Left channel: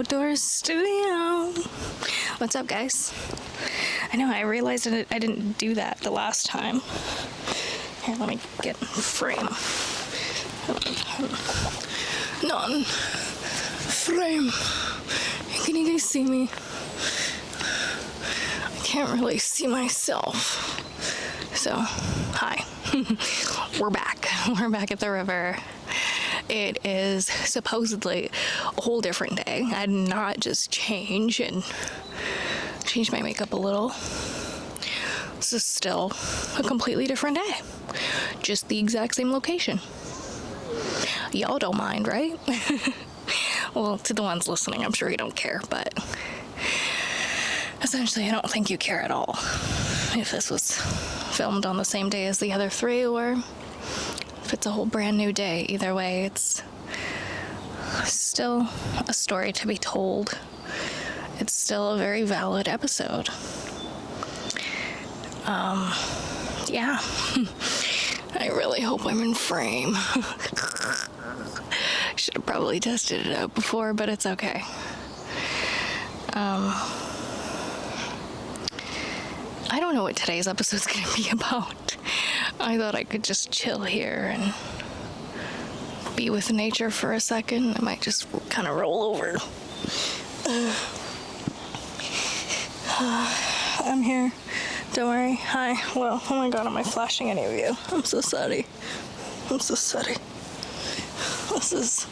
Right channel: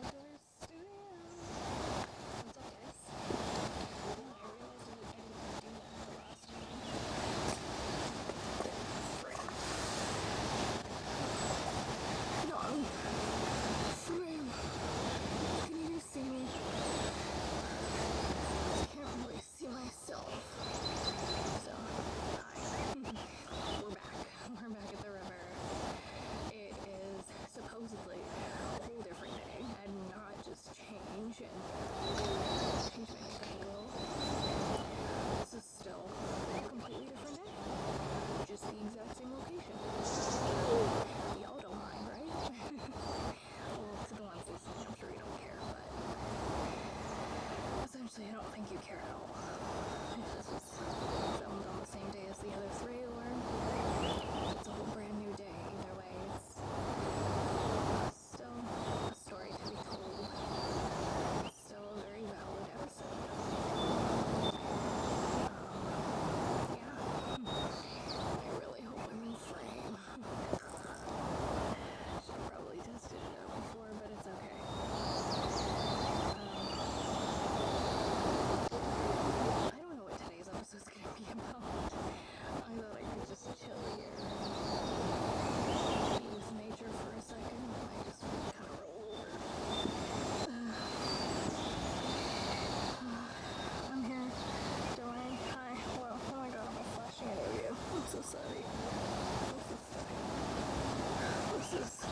outdoors studio. What's up, guys? I know, I realized I didn't do that the last time. Here, let me get in frame. Not in frame. Can you guys see me? I can't really see myself. So, hi. We're back. We're back at the river. It is supposedly a whole different day. I did not just change my makeup a little. This is still a completely different day. Just the exact same location. Y'all don't mind, right? Well, to the ones listening, I'm sure you don't care, but essentially I don't think you care at all if this was filmed on the same day as the other three, or if it's a whole brand new day. Either way, it's still a story to be told. It's still a very valid episode. Yeah. I really hope I'm in frame. Should have probably tested it out before, but it's okay. I don't know what today's episode's gonna be about. I thought I could just chill here and be with nature for a second. I might just kind of roll over. I'm here. Don't worry. Hi. Well, oh my god, am I flashing any of you? I'm so sorry. This is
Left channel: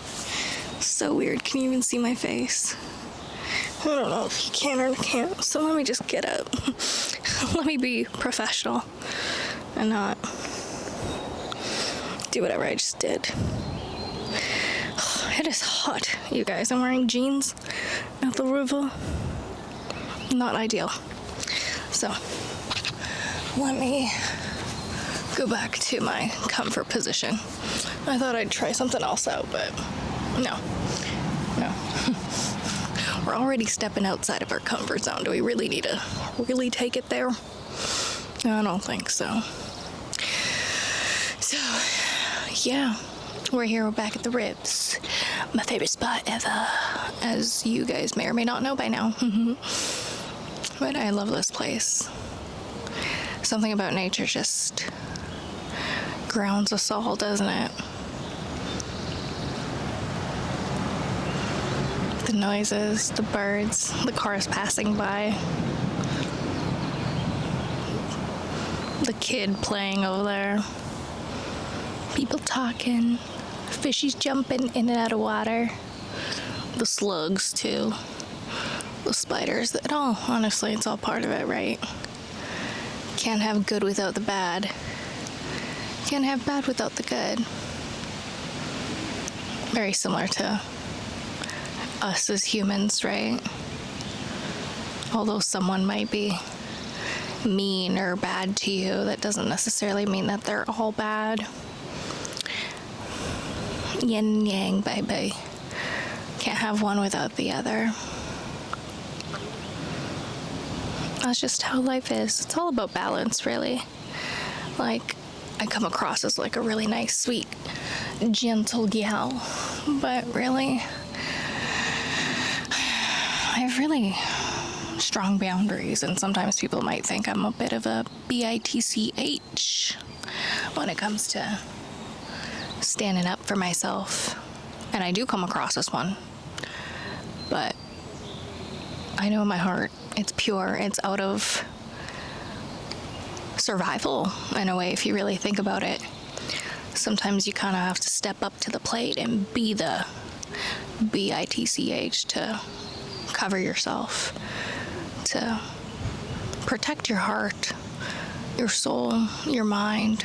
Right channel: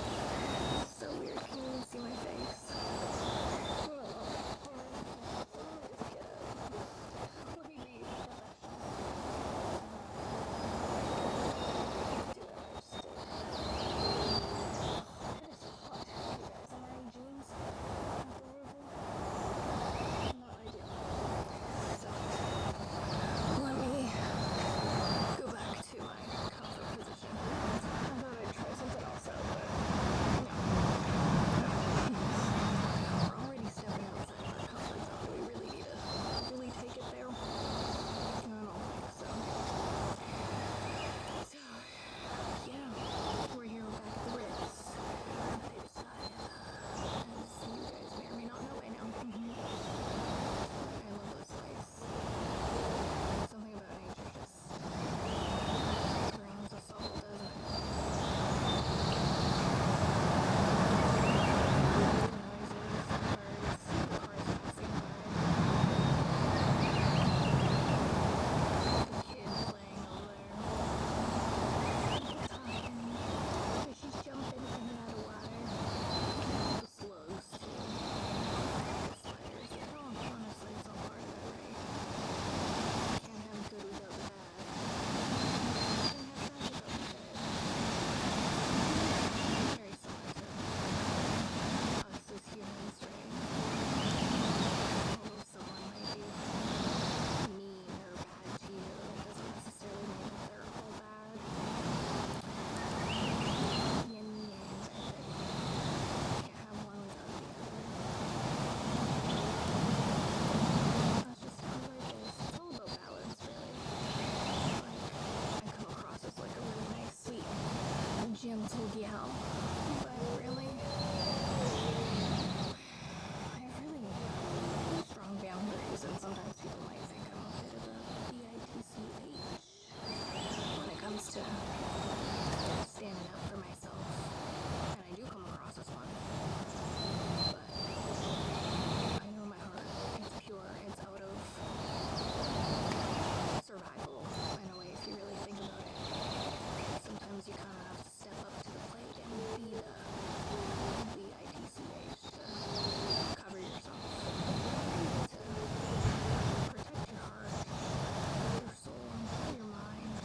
so weird. Can you even see my face? I don't know if you can or can't, so let me just get up. Let me be professional and not do whatever I just did. It is hot, you guys. I'm wearing jeans at the river. Not ideal. So, let me go back to my comfort position. I thought I'd try something else out, but no. We're already stepping outside of our comfort zone. Do we really need to really take it there? I don't think so. So, yeah, we're here. We're back at the Ribs. My favorite spot ever, as you guys may or may not know by now. But I love this place. Something about nature just grounds us all, doesn't it? The noises, the birds, the cars passing by, the kid playing over there, people talking, fishies jumping in and out of water, the slugs too, the spiders. It all, honestly, it's all part of it, right? Can't have good without the bad. Can't have bad without the good. Very similar to us as humans, right? Although someone might be mean or bad to you, that doesn't necessarily mean that they're all bad. Yin and yang, baby. Can't have one without the other. That's just how life is. It's all about balance, really. Like, I come across as like a really nice, sweet, gentle gal, but really, I have really strong boundaries, and sometimes people might think I'm a bit of a bitch when it comes to standing up for myself, and I do come across as one, but I know in my heart it's pure. It's out of survival in a way, if you really think about it. Sometimes you kind of have to step up to the plate and be the bitch to cover yourself, to protect your heart, your soul, your mind,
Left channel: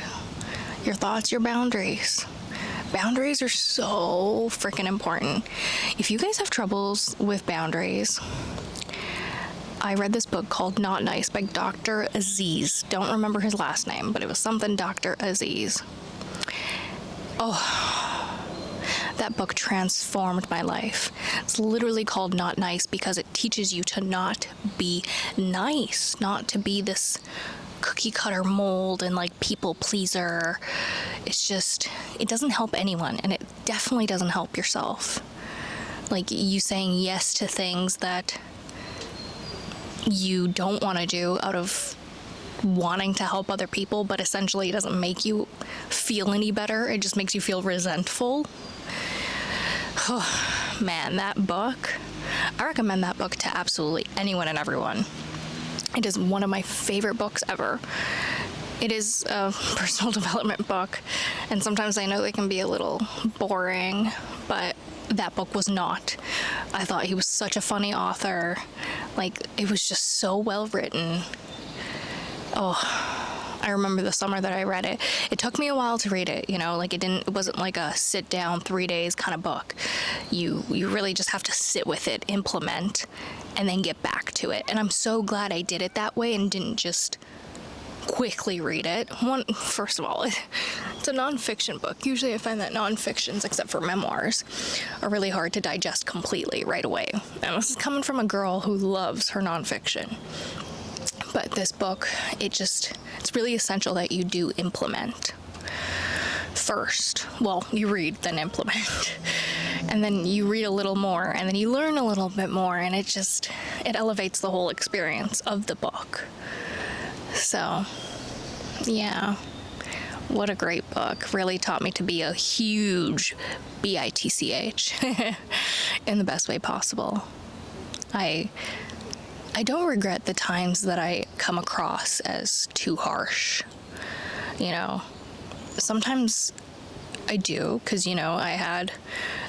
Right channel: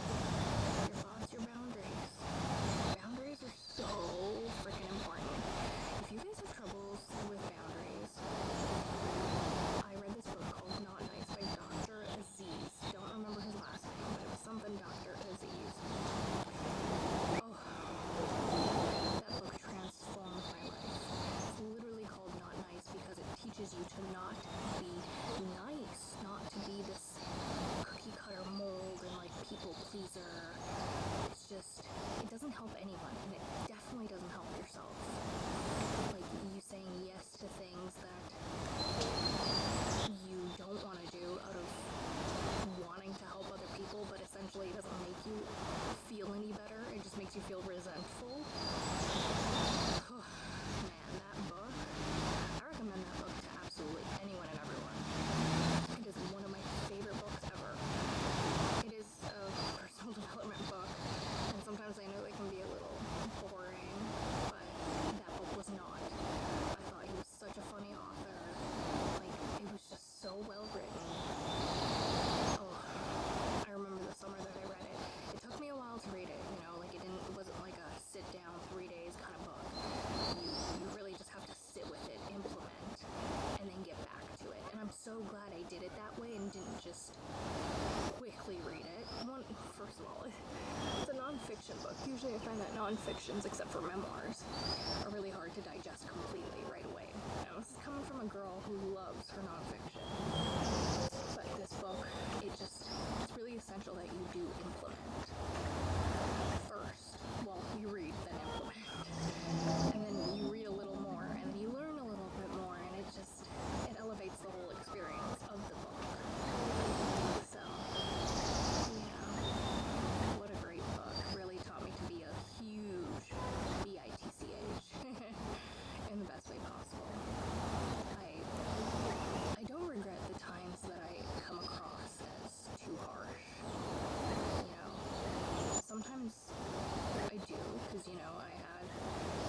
your thoughts, your boundaries. Boundaries are so freaking important. If you guys have troubles with boundaries, I read this book called Not Nice by Dr. Aziz. Don't remember his last name, but it was something Dr. Aziz. Oh, that book transformed my life. It's literally called Not Nice because it teaches you to not be nice, not to be this cookie cutter mold and like people pleaser. It's just, it doesn't help anyone, and it definitely doesn't help yourself. Like you saying yes to things that you don't want to do out of wanting to help other people, but essentially it doesn't make you feel any better. It just makes you feel resentful. Man, that book, I recommend that book to absolutely anyone and everyone. It is one of my favorite books ever. It is a personal development book, and sometimes I know they can be a little boring, but that book was not. I thought he was such a funny author. Like, it was just so well written. Oh, I remember the summer that I read it. It took me a while to read it, you know, like it wasn't like a sit down 3 days kind of book. You really just have to sit with it, implement, and then get back to it. And I'm so glad I did it that way and didn't just quickly read it. First of all, it's a nonfiction book. Usually I find that nonfictions, except for memoirs, are really hard to digest completely right away. And this is coming from a girl who loves her nonfiction. But this book, it's really essential that you do implement first. Well, you read, then implement. And then you read a little more, and then you learn a little bit more, and it elevates the whole experience of the book. So, yeah. What a great book. Really taught me to be a huge bitch in the best way possible. I don't regret the times that I come across as too harsh. You know, sometimes I do, because, you know, I had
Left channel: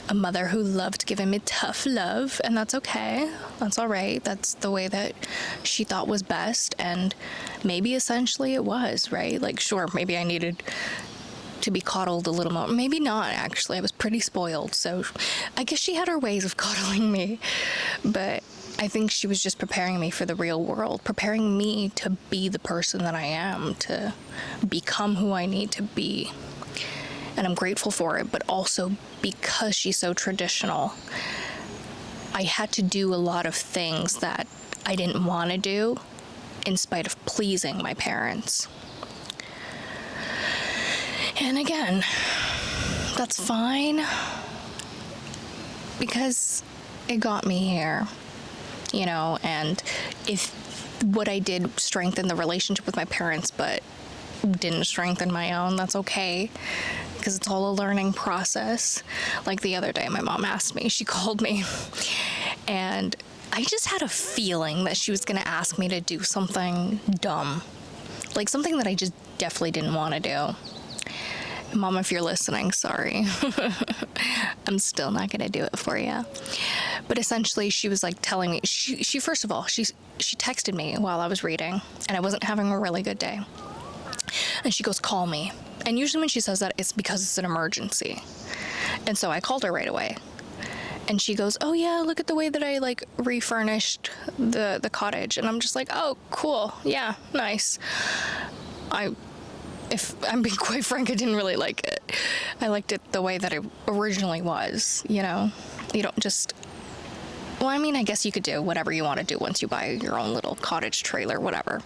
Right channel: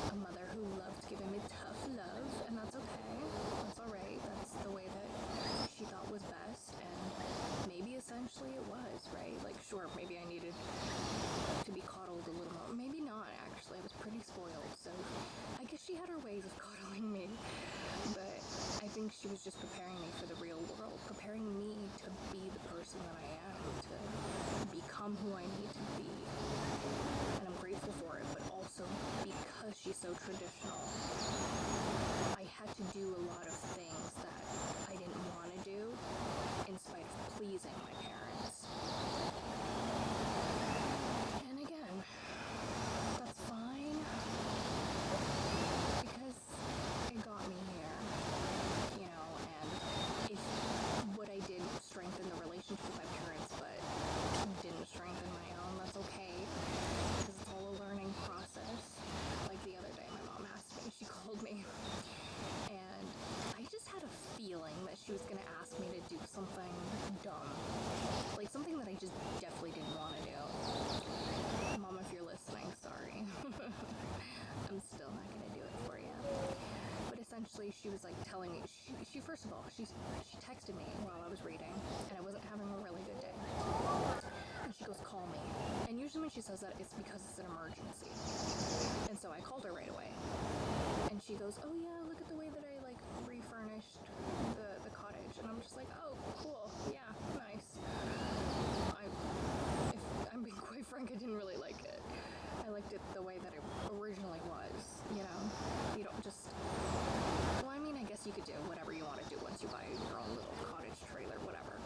a mother who loved giving me tough love, and that's okay. That's all right. That's the way that she thought was best, and maybe essentially it was, right? Like, sure, maybe I needed to be coddled a little more. Maybe not, actually. I was pretty spoiled, so I guess she had her ways of coddling me, but I think she was just preparing me for the real world, preparing me to be the person that I am, to become who I need to be. And I'm grateful for it, but also because she's so traditional, I had to do a lot of things that I didn't want to do in spite of pleasing my parents. And again, that's fine, because it got me here. You know, and if what I did strengthened the relationship with my parents but didn't strengthen my own, that's okay, because it's all a learning process. Like the other day, my mom asked me, she called me, and I just had a feeling that she was going to ask me to do something dumb, like something that I just definitely didn't want to do. Mom, if you're listening, sorry. I'm still not going to do it for you. But essentially, she was like telling me, she first of all, she texted me while I was reading, and I wasn't having a really good day. And she goes, call me. And usually when she says that, it's because it's an emergency. And so I called her right away. And she goes, oh yeah, look at the way that I like refurnished the cottage. And I'm just like, oh, cool. Yeah, nice. If I'm being quite frank, I didn't really like it. I liked it the way that it originally was, you know? You don't just... Well, I mean, I guess you could do whatever you want to do once you buy your own little cottage trailer, whatever.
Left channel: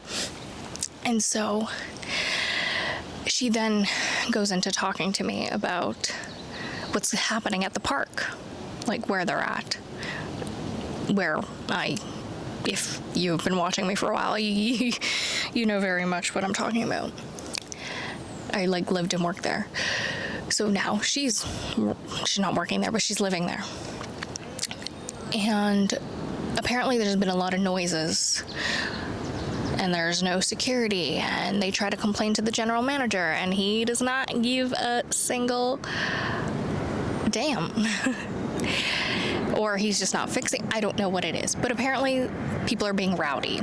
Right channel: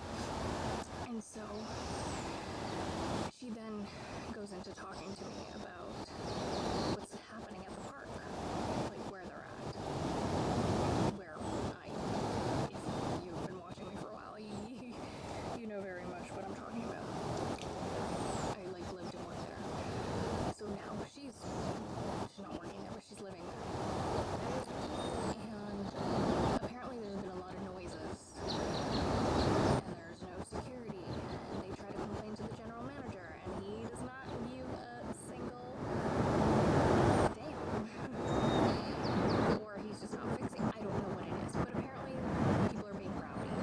And so she then goes into talking to me about what's happening at the park, like where they're at. If you've been watching me for a while, you know very much what I'm talking about. I like lived and worked there. So now she's not working there, but she's living there. And apparently there's been a lot of noises, and there's no security, and they try to complain to the general manager, and he does not give a single damn. Or he's just not fixing. I don't know what it is, but apparently people are being rowdy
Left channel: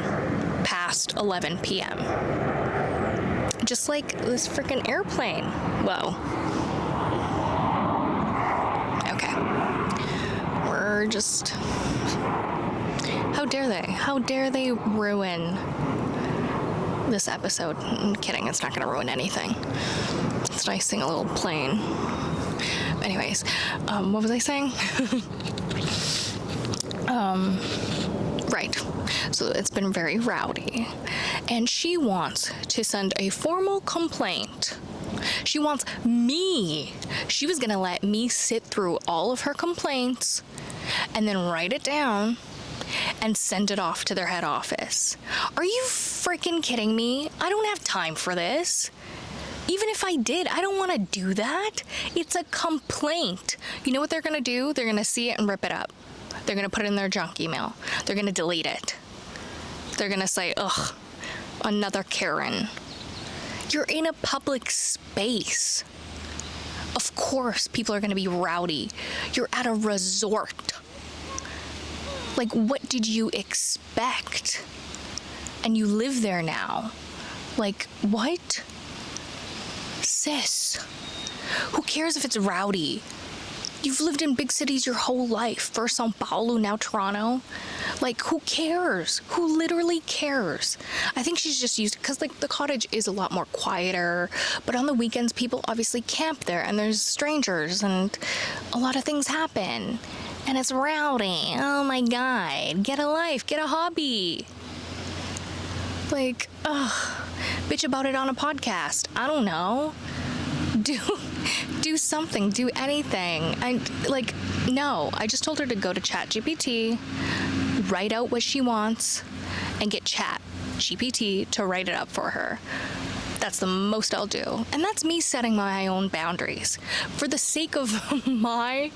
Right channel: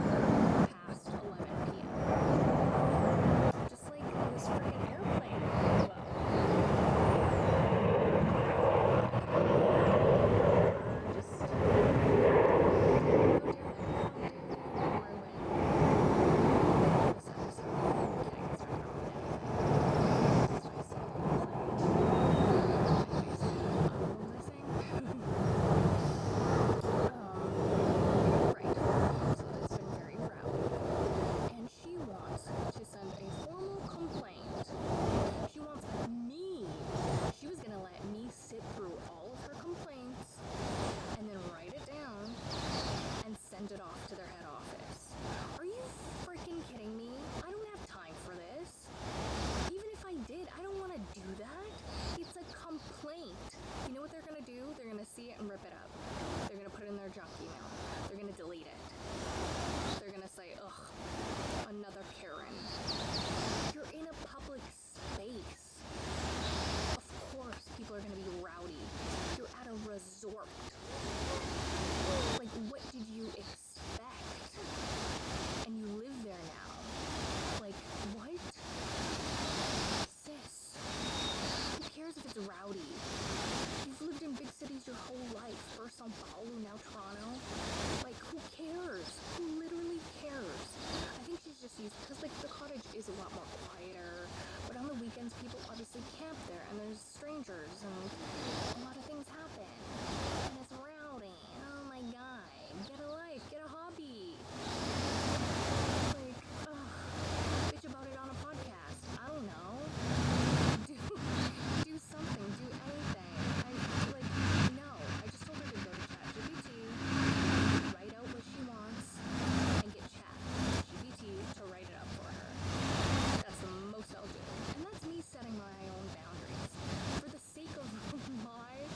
past 11 p.m. Just like this freaking airplane. Whoa. Okay. We're just... How dare they? How dare they ruin this episode? I'm kidding, it's not going to ruin anything. It's nice seeing a little plane. Anyways, what was I saying? Right. So it's been very rowdy. And she wants to send a formal complaint. She wants me. She was going to let me sit through all of her complaints and then write it down and send it off to their head office. Are you freaking kidding me? I don't have time for this. Even if I did, I don't want to do that. It's a complaint. You know what they're going to do? They're going to see it and rip it up. They're going to put it in their junk email. They're going to delete it. They're going to say, ugh, another Karen. You're in a public space. Of course, people are going to be rowdy. You're at a resort. Like, what did you expect? And you live there now. Like, what? Sis, who cares if it's rowdy? You've lived in big cities your whole life. First Sao Paulo, now Toronto. Like, who cares? Who literally cares? I think she's just used, because like the cottage is a lot more quieter, but on the weekends people obviously camp there and there's strangers and a lot of things happen. And it's rowdy. Oh my God. Get a life, get a hobby. Like, ugh. Bitch about it on a podcast. I don't know. Do something, do anything. No, I just told her to go to ChatGPT, write out what she wants, and get ChatGPT to write it up for her. That's the most I'll do. And that's me setting my own boundaries. For the sake of my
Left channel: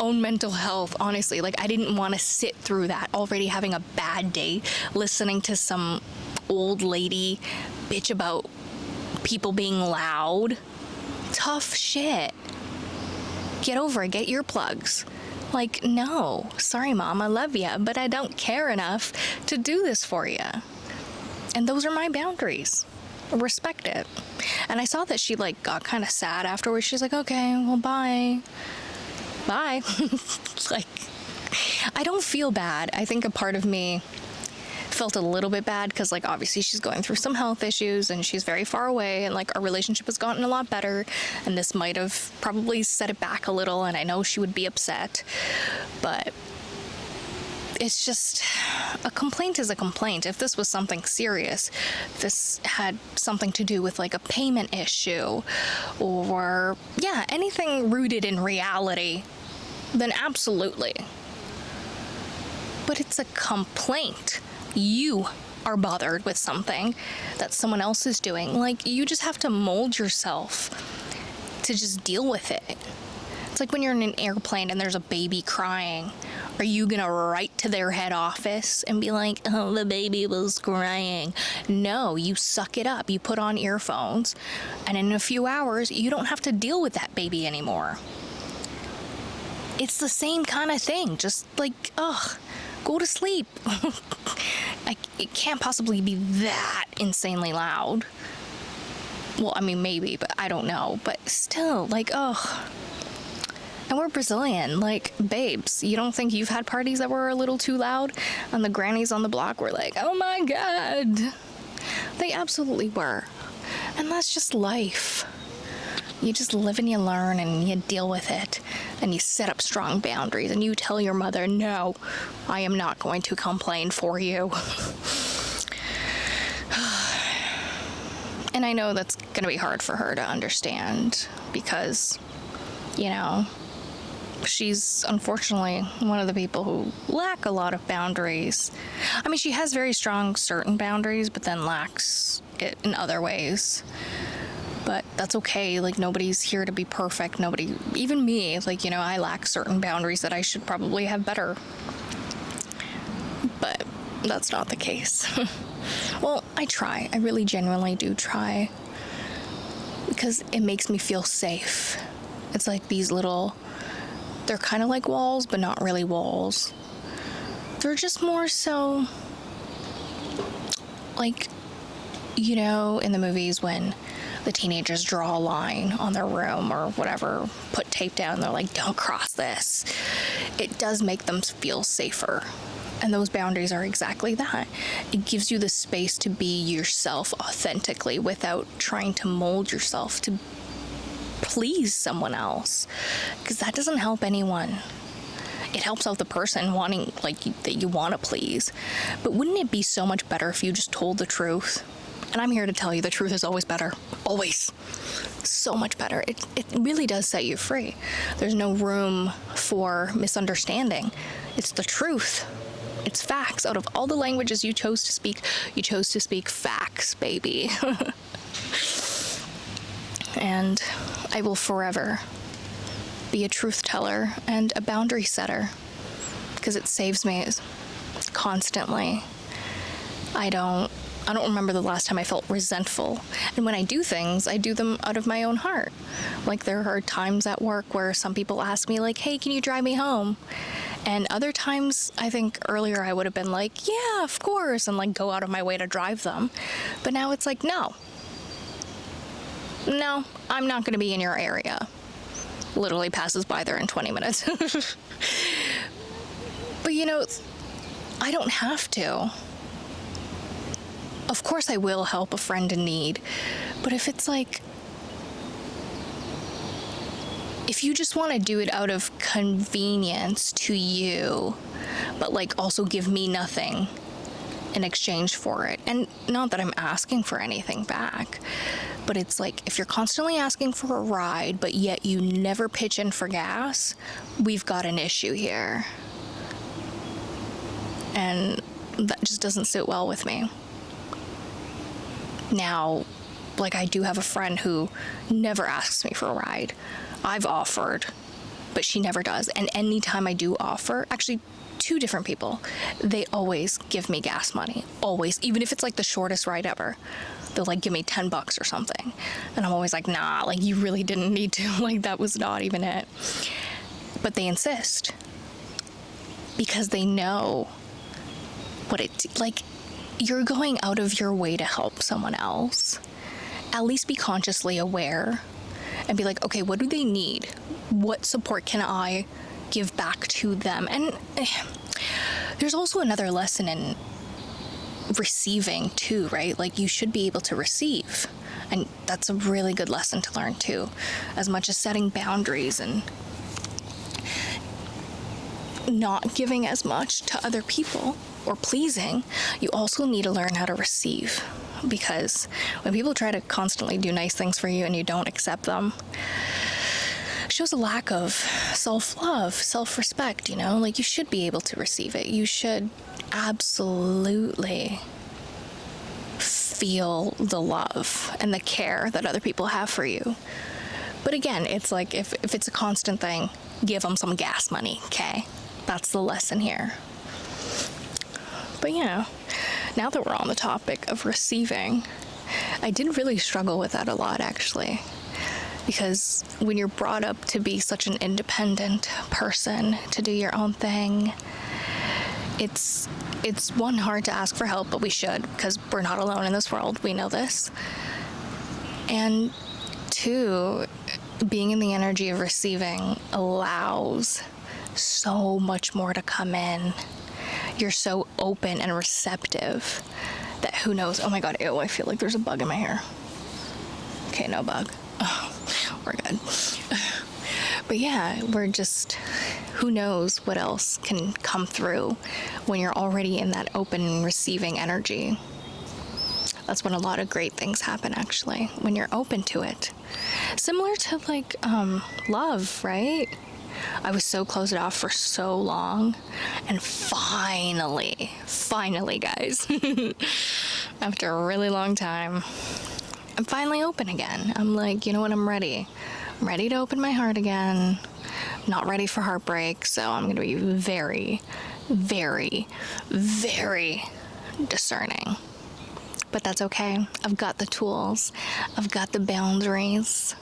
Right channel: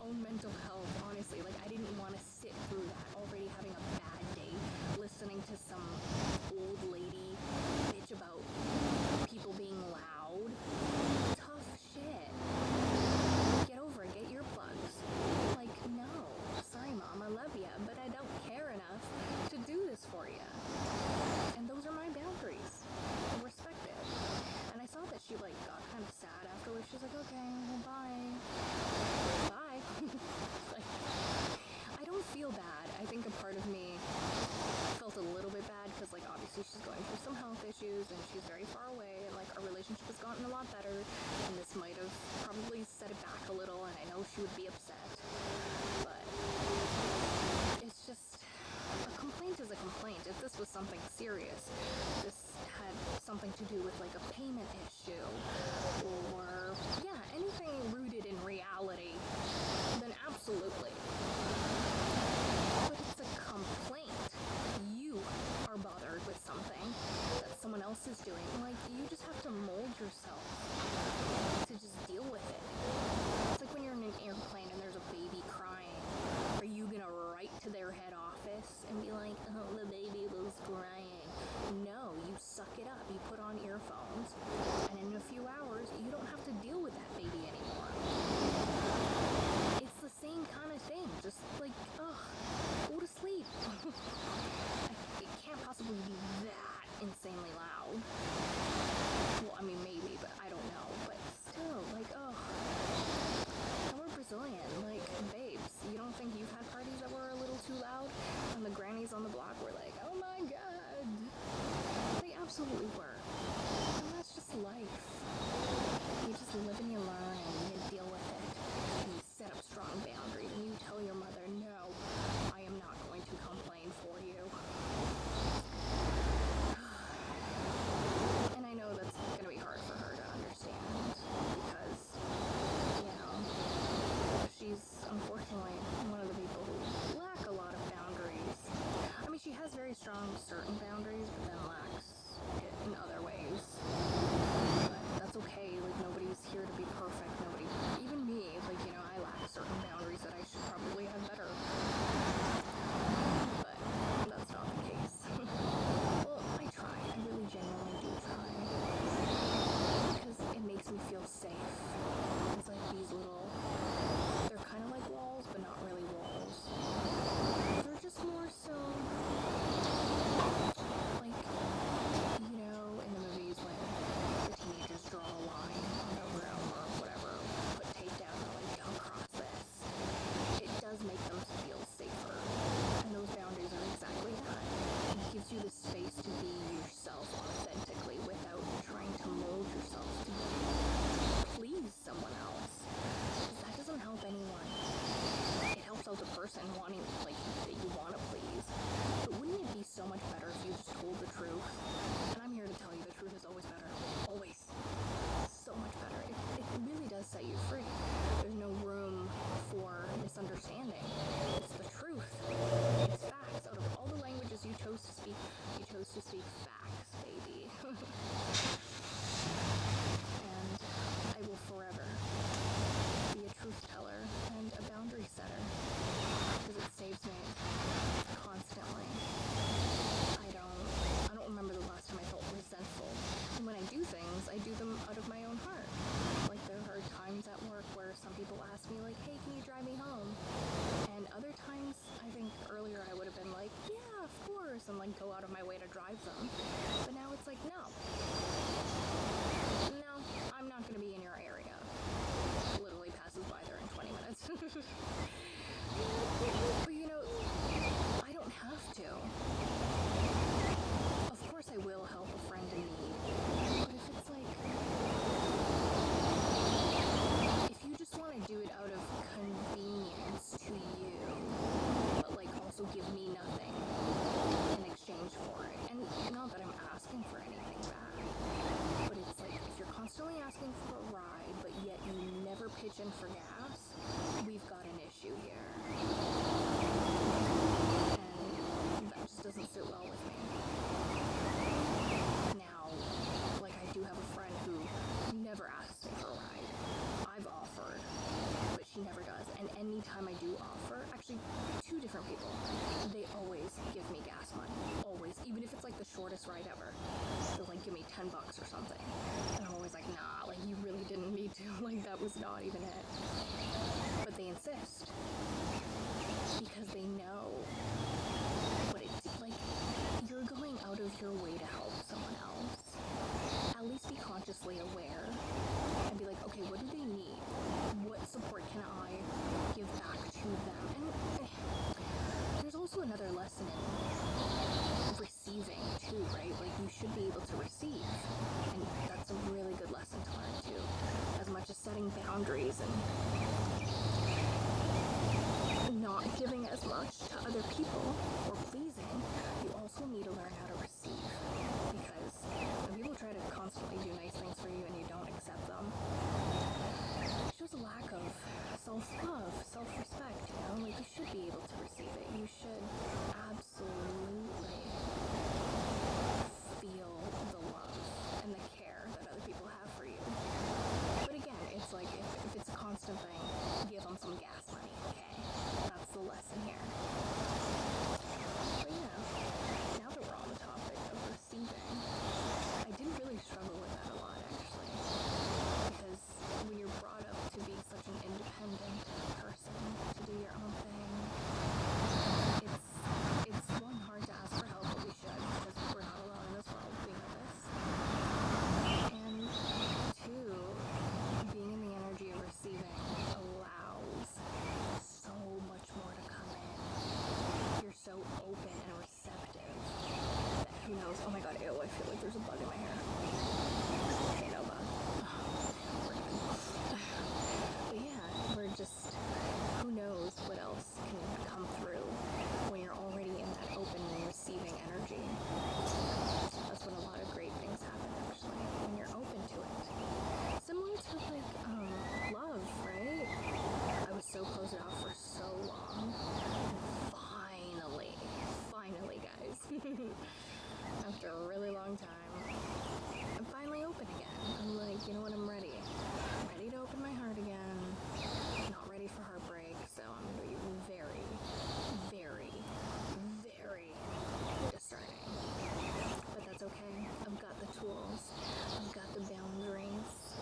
own mental health, honestly, like I didn't want to sit through that, already having a bad day, listening to some old lady bitch about people being loud. Tough shit. Get over it. Get earplugs. Like, no. Sorry, Mom. I love you, but I don't care enough to do this for you. And those are my boundaries. Respect it. And I saw that she like got kind of sad afterwards. She's like, okay, well, bye. Bye. Like, I don't feel bad. I think a part of me felt a little bit bad because like obviously she's going through some health issues and she's very far away, and like our relationship has gotten a lot better, and this might have probably set it back a little, and I know she would be upset, but it's just, a complaint is a complaint. If this was something serious, if this had something to do with like a payment issue or yeah, anything rooted in reality, then absolutely. But it's a complaint. You are bothered with something that someone else is doing. Like, you just have to mold yourself to just deal with it. It's like when you're in an airplane and there's a baby crying. Are you gonna write to their head office and be like, oh, the baby was crying? No, you suck it up. You put on earphones, and in a few hours, you don't have to deal with that baby anymore. It's the same kind of thing. Just like, ugh. Go to sleep. It can't possibly be that insanely loud. Well, I mean, maybe, but I don't know. But still, like, ugh. And we're Brazilian. Like, babes, you don't think you've had parties that were a little too loud? And the grannies on the block were like, oh my God. They absolutely were. And that's just life. You just live and you learn and you deal with it, and you set up strong boundaries, and you tell your mother, no, I am not going to complain for you. And I know that's going to be hard for her to understand because, you know, she's unfortunately one of the people who lack a lot of boundaries. I mean, she has very strong certain boundaries, but then lacks it in other ways. But that's okay. Like, nobody's here to be perfect. Nobody, even me, like, you know, I lack certain boundaries that I should probably have better. But that's not the case. Well, I try. I really genuinely do try. Because it makes me feel safe. It's like these little, they're kind of like walls, but not really walls. They're just more so like, you know, in the movies when the teenagers draw a line on their room or whatever, put tape down, they're like, don't cross this. It does make them feel safer. And those boundaries are exactly that. It gives you the space to be yourself authentically without trying to mold yourself to please someone else. Because that doesn't help anyone. It helps out the person wanting, like, that you want to please. But wouldn't it be so much better if you just told the truth? And I'm here to tell you the truth is always better. Always. so much better. It really does set you free. There's no room for misunderstanding. It's the truth. It's facts. Out of all the languages you chose to speak, you chose to speak facts, baby. And I will forever be a truth teller and a boundary setter, because it saves me constantly. I don't remember the last time I felt resentful. And when I do things, I do them out of my own heart. Like, there are times at work where some people ask me, like, hey, can you drive me home? And other times, I think earlier I would have been like, yeah, of course, and like go out of my way to drive them. But now it's like, no, I'm not going to be in your area. Literally passes by there in 20 minutes. But I don't have to. Of course I will help a friend in need, but if it's like, if you just want to do it out of convenience to you, but like also give me nothing in exchange for it, and not that I'm asking for anything back, but it's like, if you're constantly asking for a ride, but yet you never pitch in for gas, we've got an issue here. And that just doesn't sit well with me. Now, like, I do have a friend who never asks me for a ride. I've offered, but she never does. And anytime I do offer, actually, 2 different people, they always give me gas money. Always. Even if it's like the shortest ride ever. They'll like give me $10 or something. And I'm always like, nah, like, you really didn't need to. Like, that was not even it. But they insist. Because they know what like, you're going out of your way to help someone else. At least be consciously aware and be like, okay, what do they need? What support can I give back to them? And there's also another lesson in receiving too, right? Like, you should be able to receive. And that's a really good lesson to learn too, as much as setting boundaries and not giving as much to other people or pleasing, you also need to learn how to receive. Because when people try to constantly do nice things for you and you don't accept them, it shows a lack of self-love, self-respect, Like, you should be able to receive it. You should absolutely feel the love and the care that other people have for you. But again, it's like, if it's a constant thing, give them some gas money, okay? That's the lesson here. But now that we're on the topic of receiving, I did really struggle with that a lot, actually. Because when you're brought up to be such an independent person, to do your own thing, it's one, hard to ask for help, but we should, because we're not alone in this world. We know this. And 2, being in the energy of receiving allows so much more to come in. You're so open and receptive that who knows? Oh my God, ew, I feel like there's a bug in my hair. Okay, no bug. Oh, we're good. But we're just, who knows what else can come through when you're already in that open and receiving energy. That's when a lot of great things happen, actually, when you're open to it. Similar to like love, right? I was so closed off for so long, and finally, guys, after a really long time, I'm finally open again. I'm like, you know what, I'm ready. I'm ready to open my heart again. I'm not ready for heartbreak, so I'm going to be very, very, very discerning. But that's okay. I've got the tools. I've got the boundaries.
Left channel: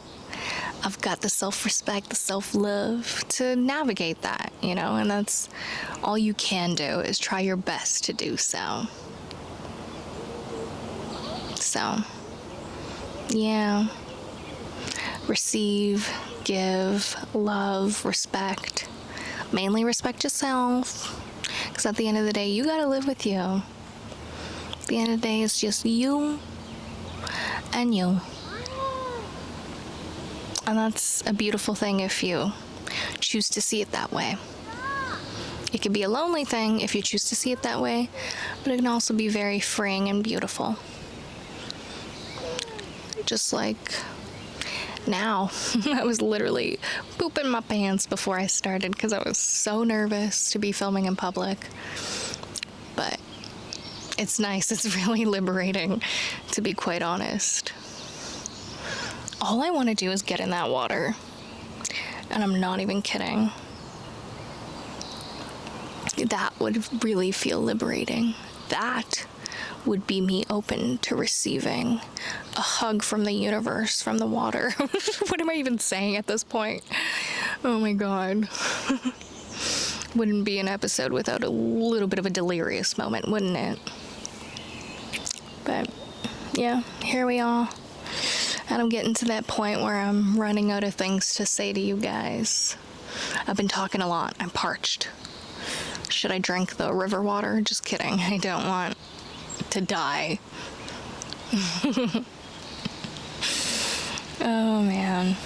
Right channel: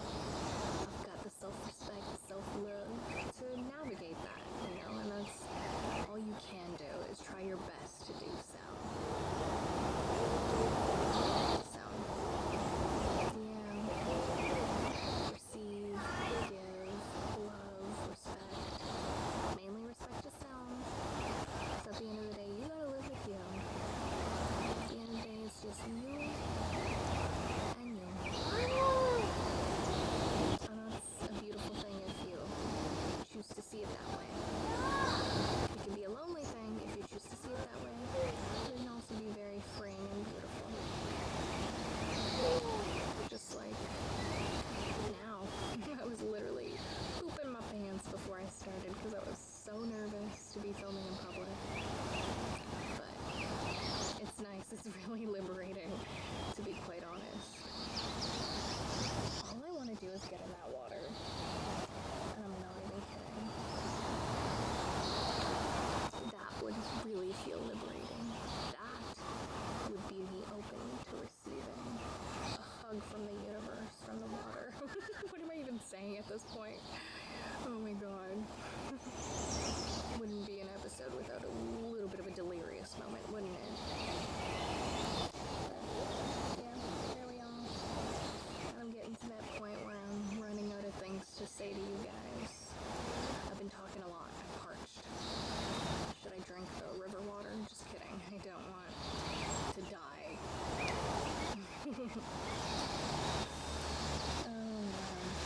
I've got the self-respect, the self-love to navigate that, and that's all you can do, is try your best to do so. So, receive, give, love, respect. Mainly respect yourself, because at the end of the day, you gotta live with you. At the end of the day, it's just you and you. And that's a beautiful thing if you choose to see it that way. It could be a lonely thing if you choose to see it that way, but it can also be very freeing and beautiful. Just like now. I was literally pooping my pants before I started because I was so nervous to be filming in public. But it's nice. It's really liberating, to be quite honest. All I want to do is get in that water. And I'm not even kidding. That would really feel liberating. That would be me open to receiving a hug from the universe, from the water. What am I even saying at this point? Oh my God. Wouldn't be an episode without a little bit of a delirious moment, wouldn't it? But yeah, here we are. And I'm getting to that point where I'm running out of things to say to you guys. I've been talking a lot. I'm parched. Should I drink the river water? Just kidding. I don't want to die. Oh, man.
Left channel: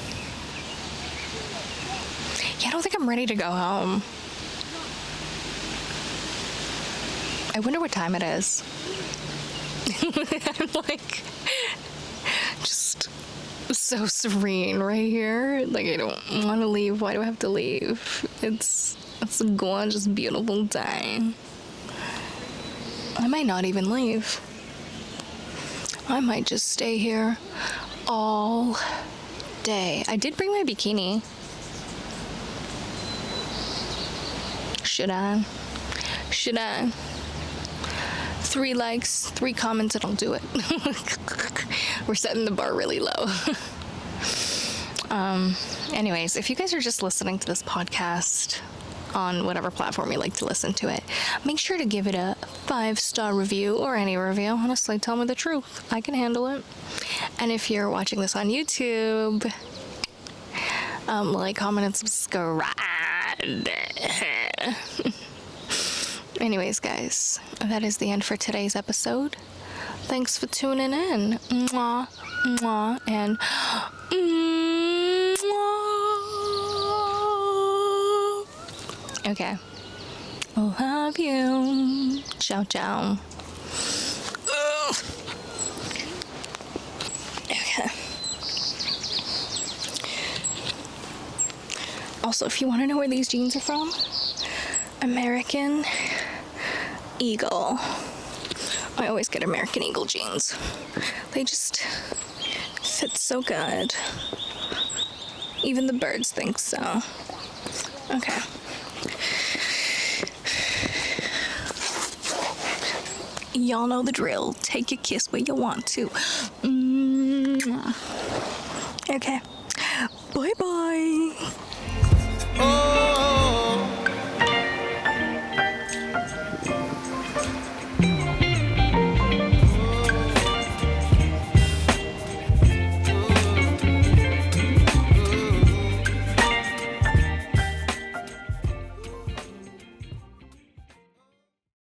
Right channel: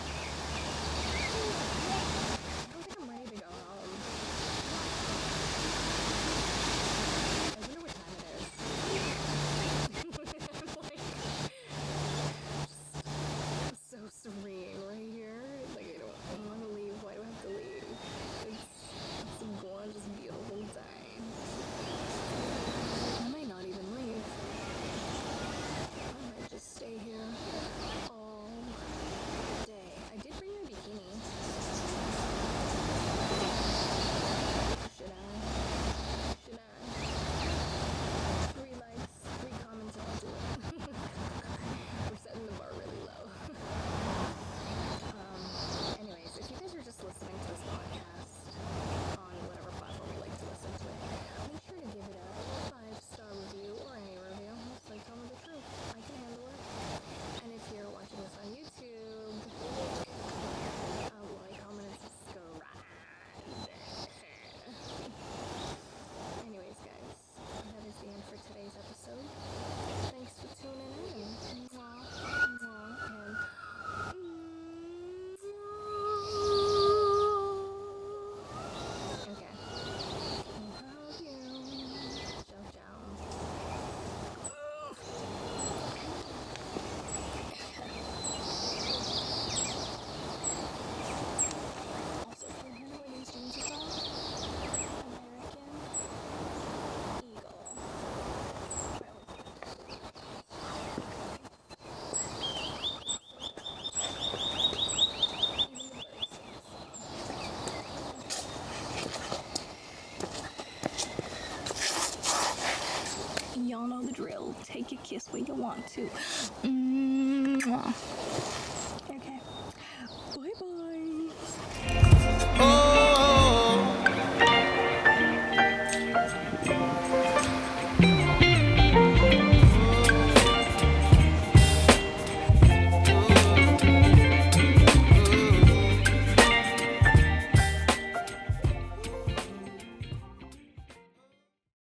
Yeah, I don't think I'm ready to go home. I wonder what time it is. I'm like, just so serene right here. Like, I don't want to leave. Why do I have to leave? It's a gorgeous, beautiful day. I might not even leave. I might just stay here all day. I did bring my bikini. Should I? 3 likes, 3 comments, and I'll do it. We're setting the bar really low. Anyways, if you guys are just listening to this podcast on whatever platform you like to listen to it, make sure to give it a 5-star review, or any review. Honestly, tell me the truth. I can handle it. And if you're watching this on YouTube, like, comment, and subscribe. Anyways, guys, that is the end for today's episode. Thanks for tuning in. Mwah, mwah, and mwah. Okay. Love you. Ciao, ciao. Okay. Also, if you want to know where these jeans are from, American Eagle. I always get American Eagle jeans. They just fit so good. Even the birds think so. Okay. Y'all know the drill. Take a kiss where you want to. Okay. Bye-bye.